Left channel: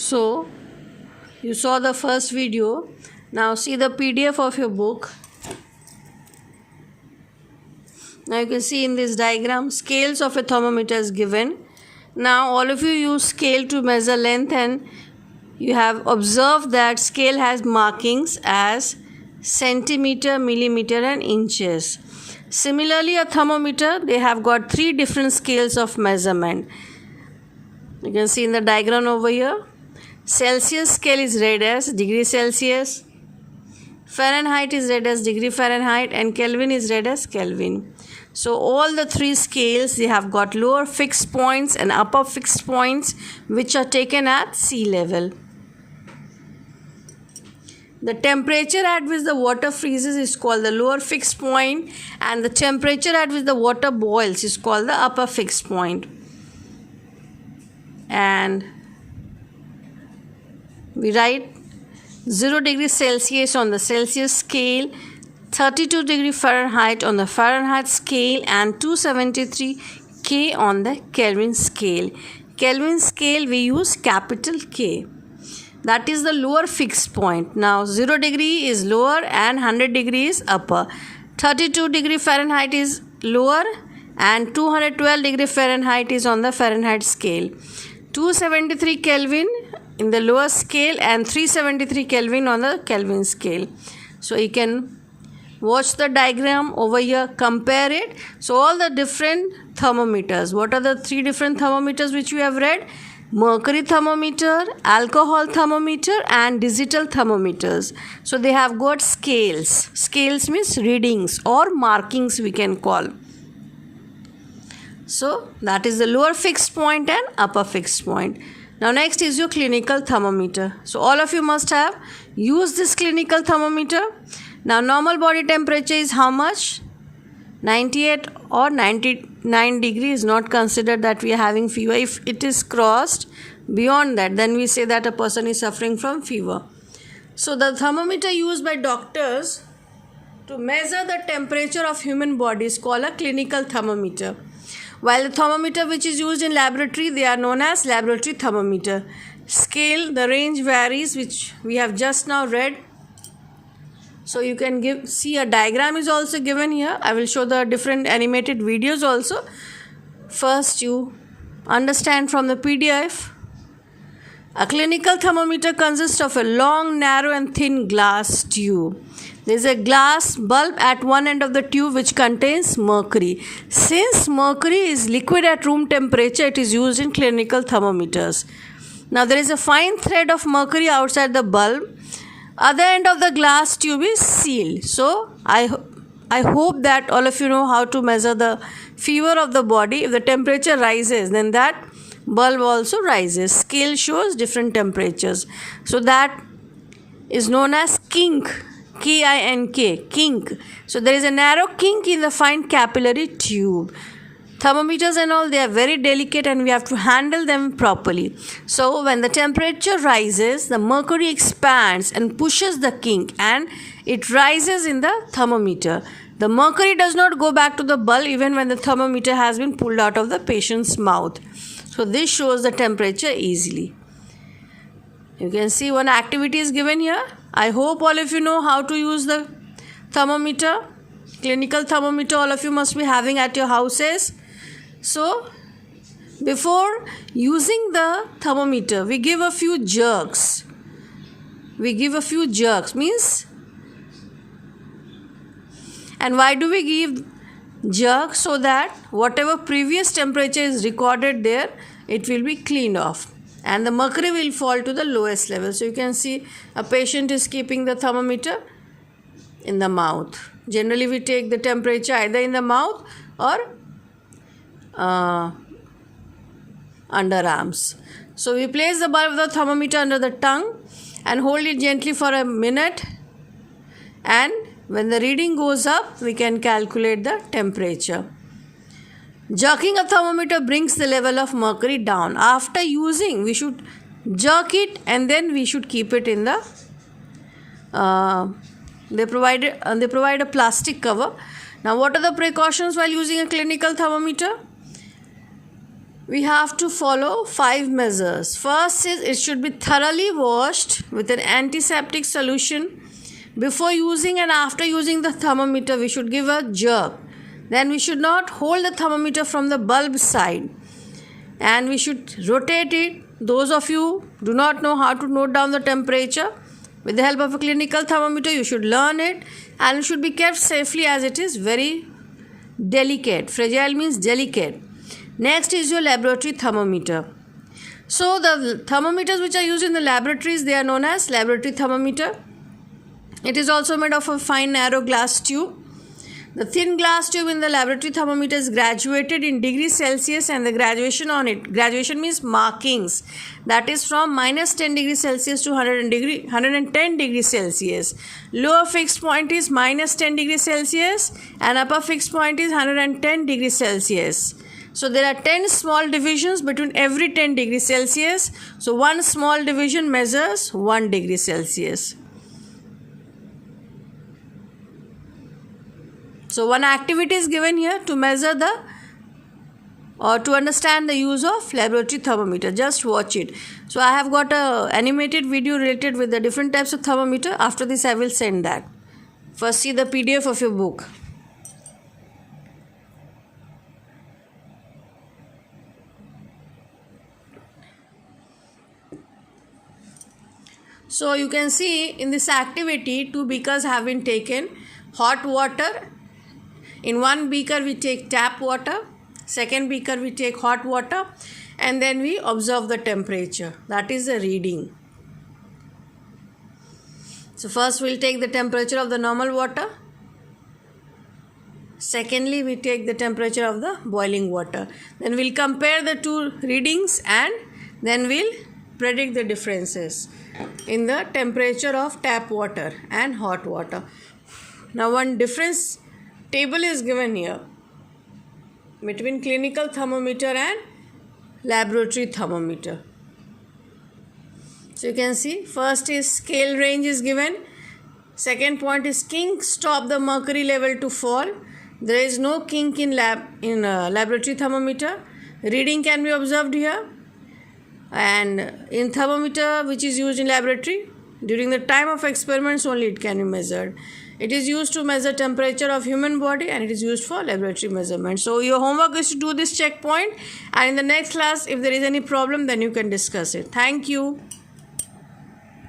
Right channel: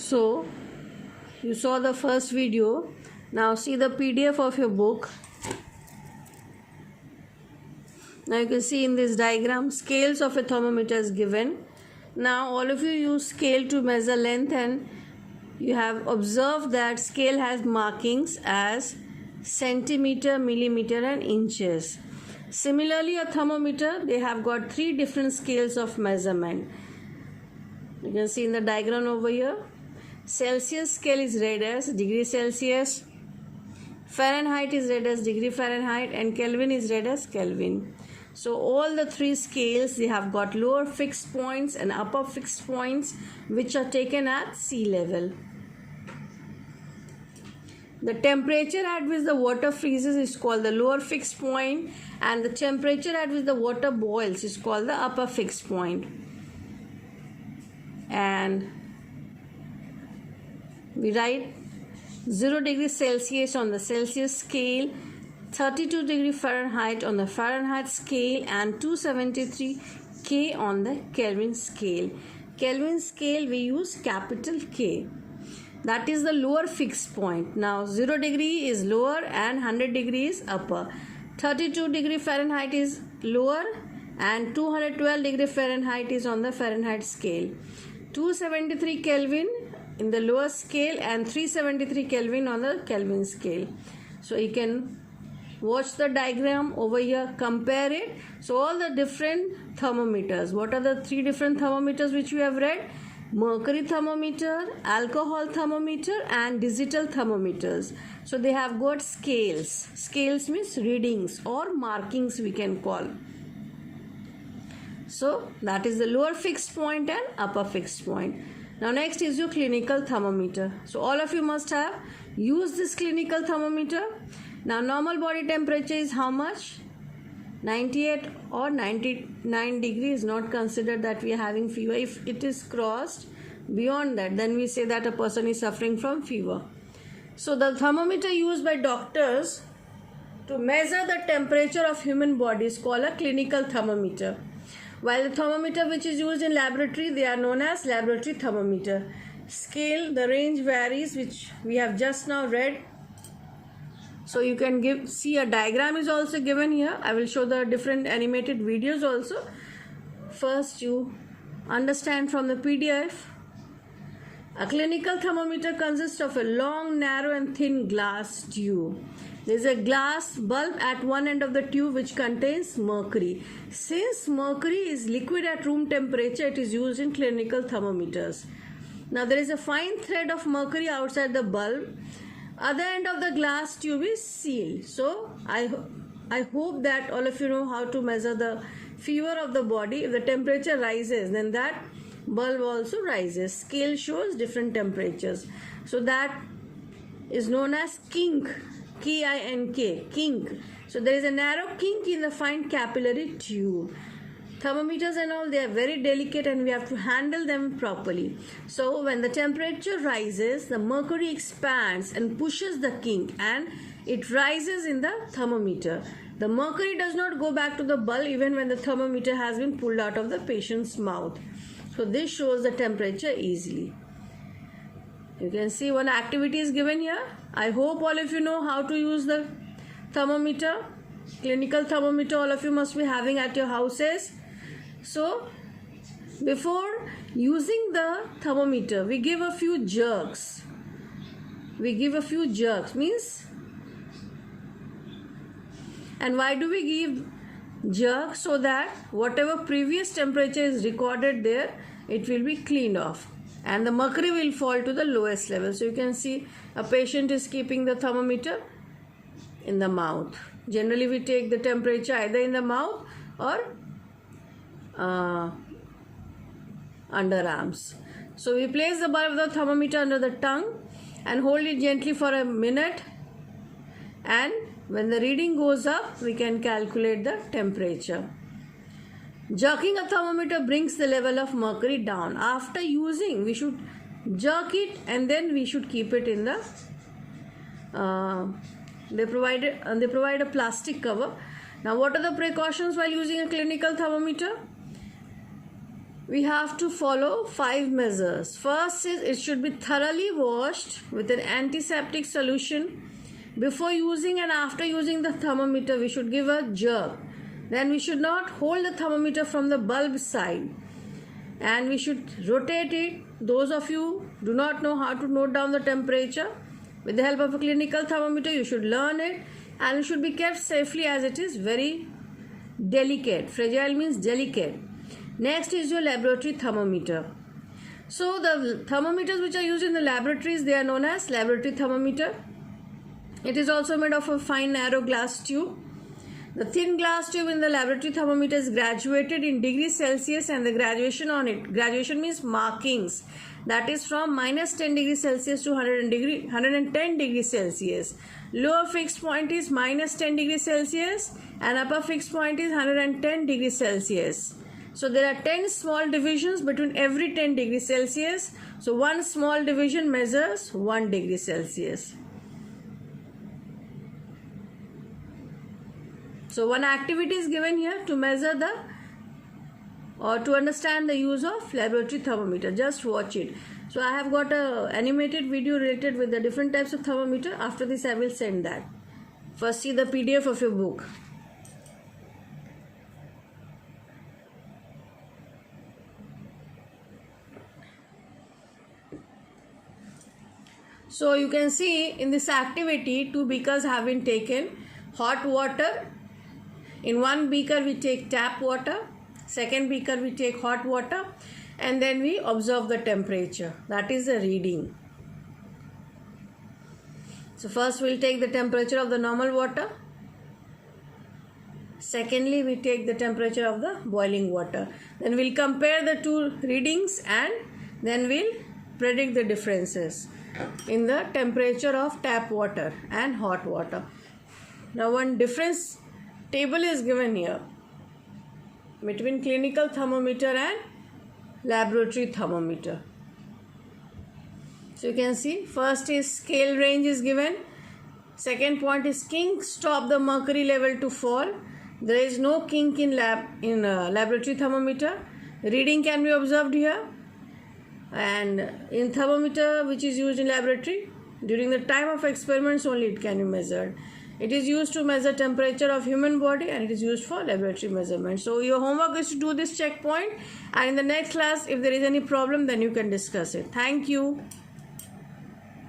So you saw the first video. Now see the PDF of your book. Now you can see in this diagram scales of a thermometer is given. Now all of you use scale to measure length, and you have observed that scale has markings as centimeter, millimeter and inches. Similarly, a thermometer, they have got 3 different scales of measurement. You can see in the diagram over here. Celsius scale is read as degree Celsius, Fahrenheit is read as degree Fahrenheit, and Kelvin is read as Kelvin. So all the 3 scales, they have got lower fixed points and upper fixed points which are taken at sea level. The temperature at which the water freezes is called the lower fixed point, and the temperature at which the water boils is called the upper fixed point. And we write 0 degree Celsius on the Celsius scale, 32 degree Fahrenheit on the Fahrenheit scale, and 273 K on the Kelvin scale. Kelvin scale we use capital K. That is the lower fixed point. Now 0 degree is lower and 100 degree is upper. 32 degree Fahrenheit is lower and 212 degree Fahrenheit is on the Fahrenheit scale. 273 Kelvin in the lower scale and 373 Kelvin on the Kelvin scale. So you can watch the diagram over here, compare it. So all the different thermometers. What are the 3 different thermometers which we have read? Mercury thermometer, alcohol thermometer and digital thermometers. So they have got scales. Scales means readings or markings we can call. So that is the lower fixed point and upper fixed point. Now next is your clinical thermometer. So all of you must have used this clinical thermometer. Now normal body temperature is how much? 98 or 99 degrees is not considered that we are having fever. If it is crossed beyond that, then we say that a person is suffering from fever. So the thermometer used by doctors to measure the temperature of human body is called a clinical thermometer. While the thermometer which is used in laboratory, they are known as laboratory thermometer. Scale, the range varies, which we have just now read. So you can see a diagram is also given here. I will show the different animated videos also. First you understand from the PDF. A clinical thermometer consists of a long, narrow and thin glass tube. There is a glass bulb at one end of the tube which contains mercury. Since mercury is liquid at room temperature, it is used in clinical thermometers. Now there is a fine thread of mercury outside the bulb. Other end of the glass tube is sealed. So I hope that all of you know how to measure the fever of the body. If the temperature rises, then that bulb also rises. Scale shows different temperatures. So that is known as kink. K-I-N-K, kink. So there is a narrow kink in the fine capillary tube. Thermometers and all, they are very delicate and we have to handle them properly. So when the temperature rises, the mercury expands and pushes the kink and it rises in the thermometer. The mercury does not go back to the bulb even when the thermometer has been pulled out of the patient's mouth. So this shows the temperature easily. You can see one activity is given here. I hope all of you know how to use the thermometer. Clinical thermometer all of you must be having at your houses. So before using the thermometer, we give a few jerks. Means, and why do we give jerks? So that whatever previous temperature is recorded there, it will be cleaned off and the mercury will fall to the lowest level. So you can see a patient is keeping the thermometer in the mouth. Generally we take the temperature either in the mouth or underarms. So we place the bulb of the thermometer under the tongue and hold it gently for a minute, and when the reading goes up, we can calculate the temperature. Jerking a thermometer brings the level of mercury down. After using, we should jerk it and then we should keep it in the they provide a plastic cover. Now what are the precautions while using a clinical thermometer? we have to follow 5 measures. First is it should be thoroughly washed with an antiseptic solution. Before using and after using the thermometer, we should give a jerk. Then we should not hold the thermometer from the bulb side, and we should rotate it. Those of you do not know how to note down the temperature, with the help of a clinical thermometer you should learn it, and it should be kept safely as it is very delicate. Fragile means delicate. Next is your laboratory thermometer. So the thermometers which are used in the laboratories, they are known as laboratory thermometer. It is also made of a fine narrow glass tube. The thin glass tube in the laboratory thermometer is graduated in degrees Celsius, and the graduation on it, graduation means markings, that is from minus 10 degrees Celsius to 110 degrees Celsius. Lower fixed point is minus 10 degrees Celsius and upper fixed point is 110 degrees Celsius. So there are 10 small divisions between every 10 degrees Celsius. So one small division measures 1 degree Celsius. So one activity is given here to measure or to understand the use of laboratory thermometer. Just watch it. So I have got a animated video related with the different types of thermometer. After this I will send that. First see the PDF of your book. So you can see in this activity 2 beakers have been taken. Hot water. In one beaker we take tap water, second beaker we take hot water, and then we observe the temperature. That is the reading. So first we will take the temperature of the normal water. Secondly we take the temperature of the boiling water. Then we will compare the two readings and then we will predict the differences in the temperature of tap water and hot water. Now one difference table is given here between clinical thermometer and laboratory thermometer. So you can see first is scale range is given. Second point is kink, stop the mercury level to fall. There is no kink in laboratory thermometer. Reading can be observed here, and in thermometer which is used in laboratory, during the time of experiments only it can be measured. It is used to measure temperature of human body, and it is used for laboratory measurement. So your homework is to do this checkpoint, and in the next class if there is any problem then you can discuss it. Thank you.